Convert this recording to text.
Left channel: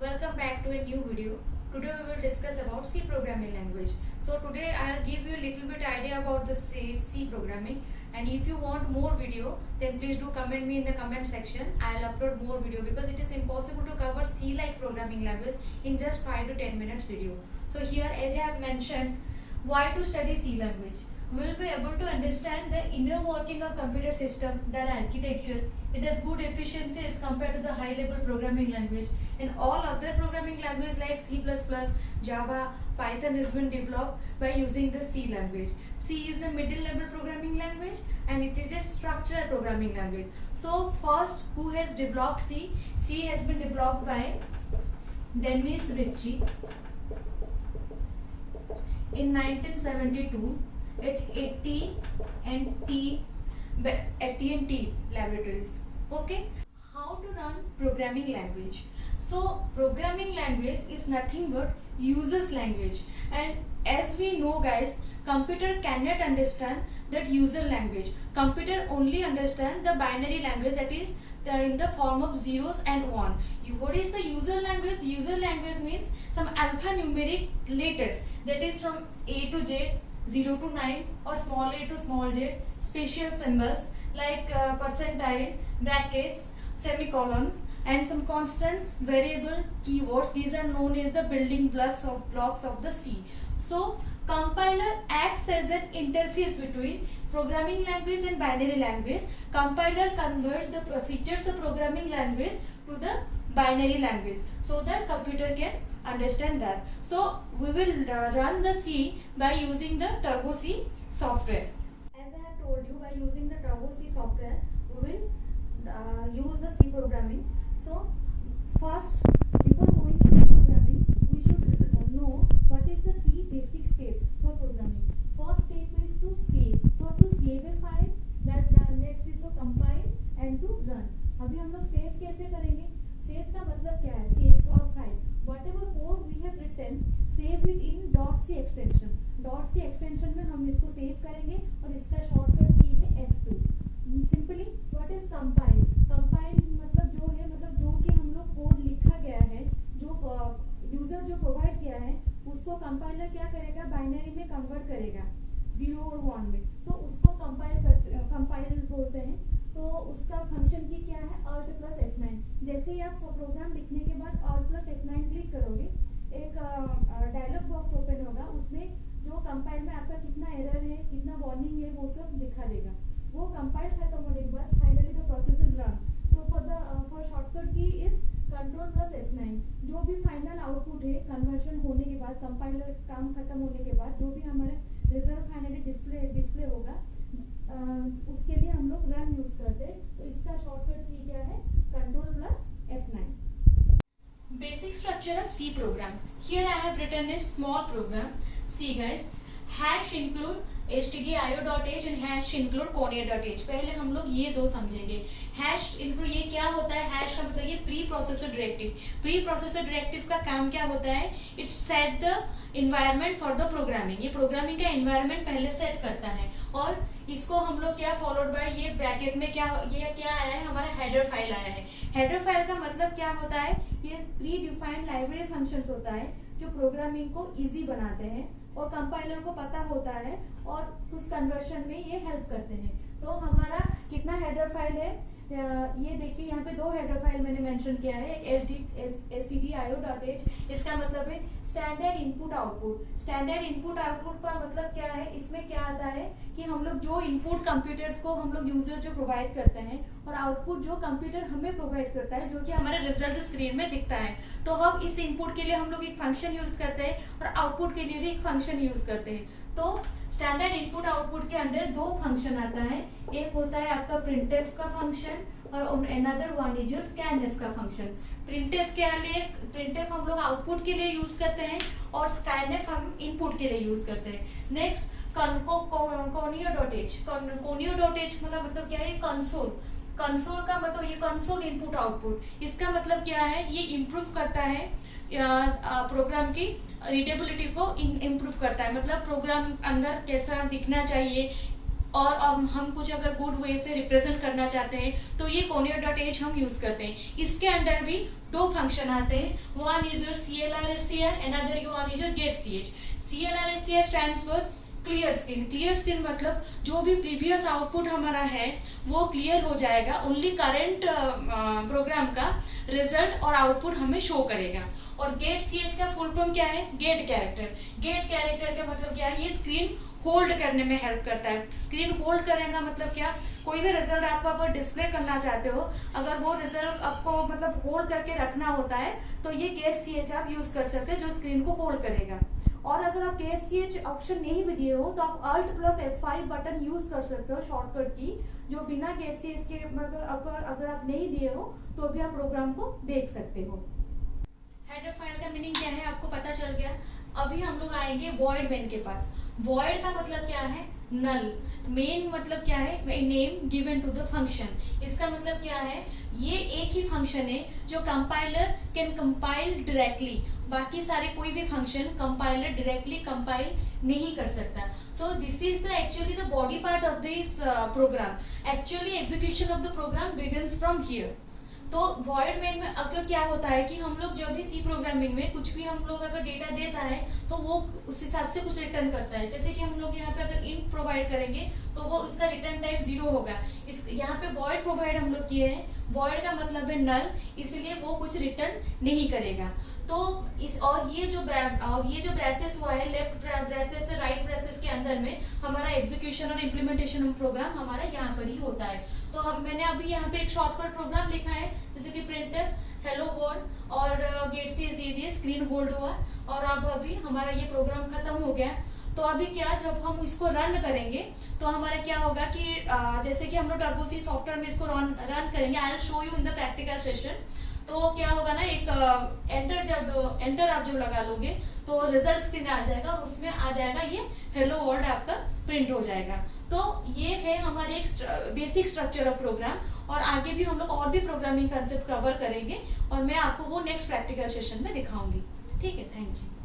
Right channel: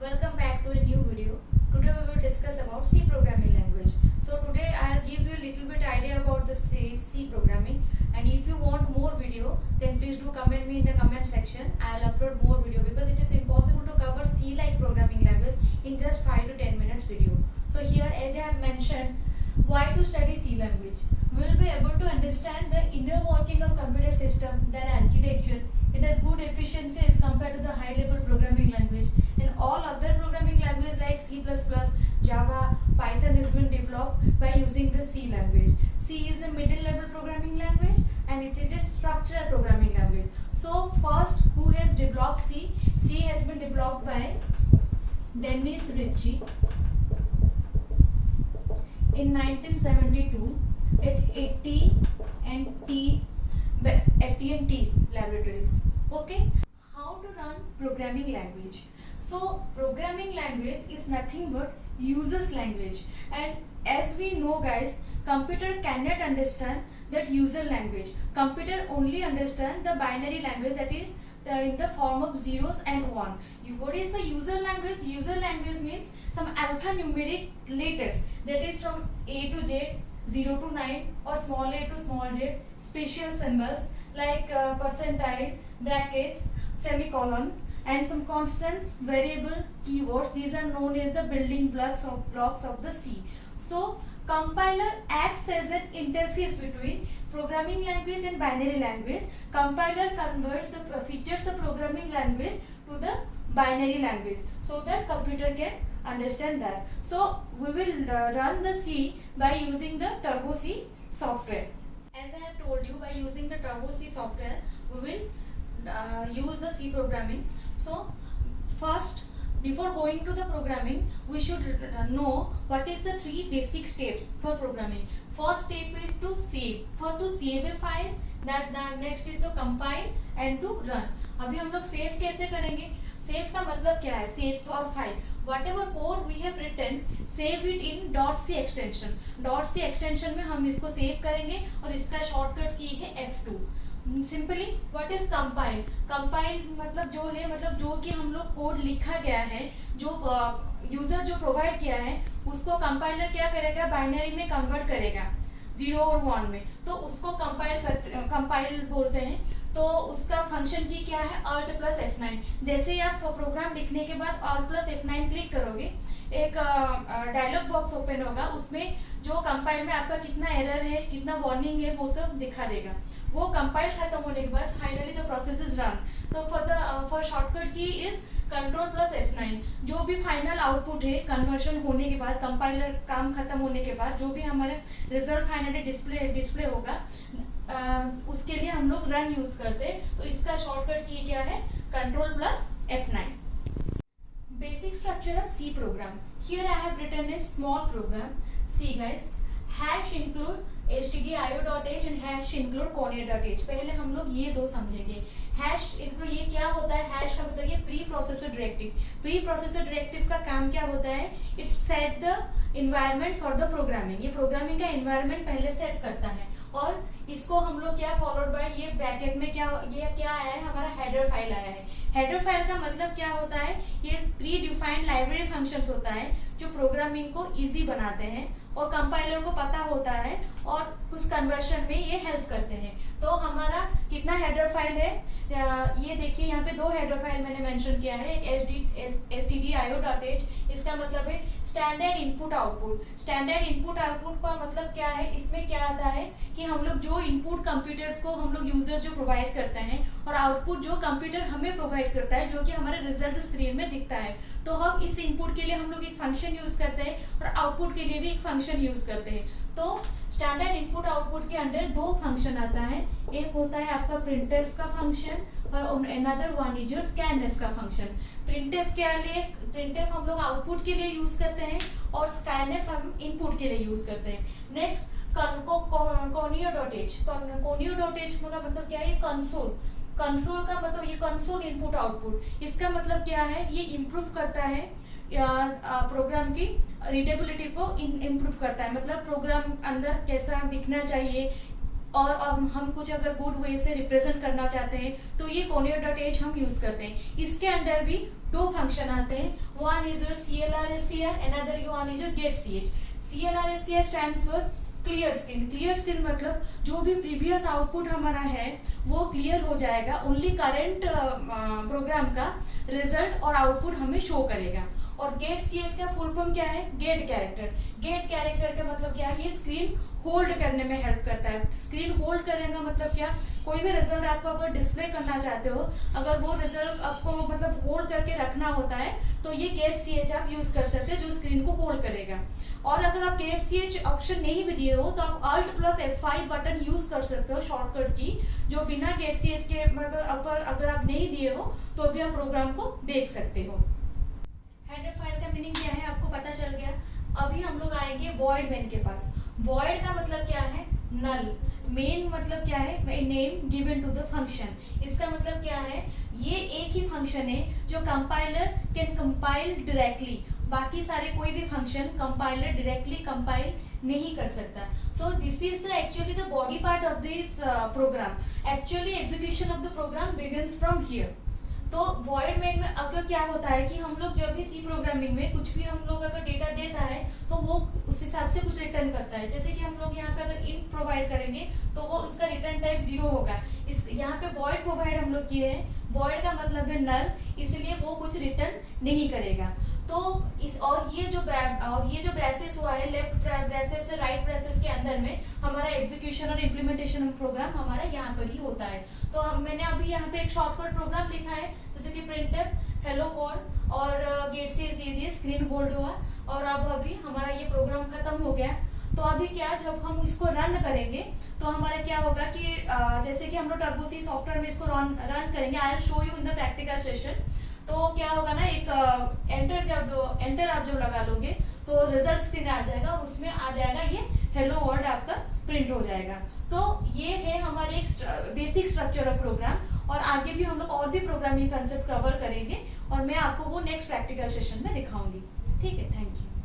Welcome back to a new video. Today we will discuss about C programming language. So today I'll give you a little bit idea about the C programming, and if you want more video then please do comment me in the comment section. I'll upload more video because it is impossible to cover C like programming language in just 5 to 10 minutes video. So here, as I have mentioned, why to study C language? We will be able to understand the inner working of computer system, their architecture. It has good efficiency as compared to the high level programming language, and all other programming languages like C++, Java, Python has been developed by using the C language. C is a middle level programming language and it is a structured programming language. So first, who has developed C? C has been developed by Dennis Ritchie in 1972 at AT&T laboratories. Okay, how to run programming language? So programming language is nothing but user's language, and as we know guys, computer cannot understand that user language. Computer only understand the binary language, that is in the form of zeros and one. What is the user language? User language means some alphanumeric letters, that is from A to Z, 0 to 9, or small a to small j, special symbols like percentile, brackets, semicolon, and some constants, variable, keywords. These are known as the building blocks of the C. So compiler acts as an interface between programming language and binary language. Compiler converts the features of programming language to the binary language so that computer can understand that. So we will run the C by using the Turbo C software. As I have told you, by using the Turbo C software we will use the C programming. So first, before going to the programming, we should know what is the 3 basic steps for programming. First step is to save. To save a file, that next is to compile and to run. अभी हम लोग save कैसे करेंगे? Save का मतलब क्या है? Save for file. Whatever code we have written, save it in .c extension. .c extension में हम इसको सेव करेंगे और इसका शॉर्टकट की है F2. Simply what is compile? Compile मतलब जो है, मतलब जो कि हम लोग कोड लिखा गया है, जो यूजर जो प्रोवाइड किया है, उसको कंपाइलर क्या करेगा? बाइनरी में कन्वर्ट करेगा 0 और 1 में, तो उसको कंपाइल बोलते हैं. तो उसका फंक्शन की क्या है? Alt + F9. जैसे ही आप प्रोग्राम लिखने के बाद Alt + F9 क्लिक करोगे, एक डायलॉग बॉक्स ओपन होगा. उसमें जो कंपाइल में आपका कितना एरर है, कितना वार्निंग है, वो सब दिखा देगा. वो कंपाइल खत्म होने के बाद finally the process is run. तो फॉर शॉर्टकट की इज Ctrl + F9. जो भी फाइनल आउटपुट है कन्वर्शन होने के बाद, कंपाइलर काम खत्म होने के बाद, जो भी हमारे रिजल्ट फाइनली डिस्प्ले होगा, उसके लिए हम लोग रन यूज करते हैं. तो इसका शॉर्टकट की क्या है? Ctrl + F9. Basic structure of C program. Here I have written a small program. See guys, hash include stdio.h and hash include conio.h. पहले हम लोग ये दो समझेंगे. हैश इंक्लूड ये क्या होता है? हैश का मतलब ये pre processor directive. Pre processor directive का काम क्या होता है? It set the environment for the programming. ये प्रोग्रामिंग का इन्वायरमेंट पहले सेट करता है, और इसको हम लोग क्या फॉलोड बाय ये ब्रैकेट में क्या आया है? हमारा हेडर फाइल आया है. हेडर फाइल का मतलब क्या होता है? ये प्री डिफाइंड लाइब्रेरी फंक्शंस होता है जो प्रोग्रामिंग को इजी बनाते हैं और कंपाइलर को पता होता है और कुछ कन्वर्शन में ये हेल्प करते हैं. तो हमारा कितना हेडर फाइल है? ये देखिए, यहाँ पे 2 हेडर फाइल मैंने मेंशन किया है. stdio.h, इसका मतलब है standard input output. Standard input output का मतलब क्या है? इसमें क्या आता है कि हम लोग जो इनपुट कंप्यूटर्स को हम लोग यूजर जो प्रोवाइड करते हैं, और आउटपुट जो कंप्यूटर हमें प्रोवाइड करता है, जो कि हमारे रिजल्ट स्क्रीन में दिखता है. तो हम इस इनपुट के लिए हम लोग एक फंक्शन यूज करते हैं और आउटपुट के लिए भी एक फंक्शन यूज करते हैं. तो स्टैंडर्ड इनपुट आउटपुट के अंदर 2 फंक्शन आता है. एक होता है आपका printf का फंक्शन और another one is your scanf का फंक्शन. printf हम लोग आउटपुट के लिए यूज करते हैं और scanf हम इनपुट के लिए यूज करते हैं. Next conio.h. conio.h मतलब क्या है? कंसोल. कंसोल का मतलब ये कंसोल इनपुट आउटपुट. इसका मतलब क्या है? ये इम्प्रूव करता है प्रोग्राम की रीडेबिलिटी को इम्प्रूव करता है. मतलब प्रोग्राम अंदर कैसा दिखना चाहिए, और हम कुछ अगर गुड वे से रिप्रेजेंट करना चाहते हैं तो ये conio.h हम यूज करते हैं। इसके अंदर भी दो फंक्शन आते हैं, one is your CLRSCR, another one is your getch। CLRSCR stands for clear screen. Clear screen मतलब जो भी प्रीवियस आउटपुट हमारा है वो क्लियर हो जाएगा, ओनली करंट प्रोग्राम का रिजल्ट और आउटपुट हमें शो करेगा। और getch का फुल फॉर्म क्या है? Gate character. गेट कैरेक्टर का मतलब क्या है? ये स्क्रीन होल्ड करने में हेल्प करता है। स्क्रीन होल्ड करने का मतलब क्या? कोई भी रिजल्ट आपको अगर डिस्प्ले करना चाहते हो, अगर वो रिजल्ट आपको मतलब होल्ड करके रखना होता है तो ये getch आप यूज कर सकते हैं जो स्क्रीन को होल्ड करेगा। और अगर आप getch ऑप्शन नहीं भी दिए हो तो आप Alt+F5 बटन यूज कर सकते हो शॉर्टकट की, जो बिना getch के मतलब अगर आप नहीं दिए हो तो भी आप प्रोग्राम को देख सकते हो। हेडर फाइल का मीनिंग क्या है आपको पता चल गया। अभी हम लोग आएंगे वॉइड मेन के पास। वॉइड का मतलब क्या है? नल। मेन मतलब क्या है? Name given to the function. इसका मतलब क्या है? ये एक ही फंक्शन है जो कंपाइलर कैन कंपाइल डायरेक्टली, बाकी सारे कोई भी फंक्शन कंपाइलर डायरेक्टली कंपाइल नहीं कर सकता। So this is the actually the body part of this program. Actually execution of the program begins from here. तो वॉइड मेन में अगर क्या होता है कि हम लोग जब भी सी प्रोग्रामिंग में कुछ भी हम लोग अगर डेटा देता है तो वो उस हिसाब से कुछ रिटर्न करता है। जैसे कि हम लोग यहाँ पे अगर इंट प्रोवाइड करेंगे तो वो उसका रिटर्न टाइप 0 होगा। इस यहाँ पे वॉइड प्रोवाइड हम लोग किए हैं, वॉइड का मतलब है नल, इसलिए वो कुछ रिटर्न नहीं करेगा। तो और ये जो ब्रेसेस हुआ है, लेफ्ट ब्रेसेस से राइट ब्रेसेस के अंदर में हमारा एग्जीक्यूशन और इम्प्लीमेंटेशन प्रोग्राम हमारा यहाँ पर ही होता है। तो मैंने अभी यहाँ पे एक शॉर्टकट प्रोग्राम लिखा है जैसे कि printf हेलो वर्ल्ड और getch दे दिए, स्क्रीन होल्ड हुआ और अब अभी हमारा ये प्रोग्राम खत्म हो गया। तो अभी क्या, जब हम इसको रन करेंगे तो हमारा क्या होगा कि जैसे कि हम लोग टर्बोसी सॉफ्टवेयर में इसको रन करेंगे, I will show you in the practical session. तो क्या होगा ना, एक एंटर आप जब लगा लोगे तो रिजल्ट स्क्रीन आ जाएगा और उसमें आ जाएगा ये हेलो वर्ल्ड आपका प्रिंट हो जाएगा। तो ये है हमारे एक बेसिक स्ट्रक्चर ऑफ प्रोग्राम और आगे भी हम लोग और भी प्रोग्रामिंग कंसेप्ट कवर करेंगे और मैं आपको वो नेक्स्ट प्रैक्टिकल सेशन में दिखाऊंगी। ठीक है, थैंक यू।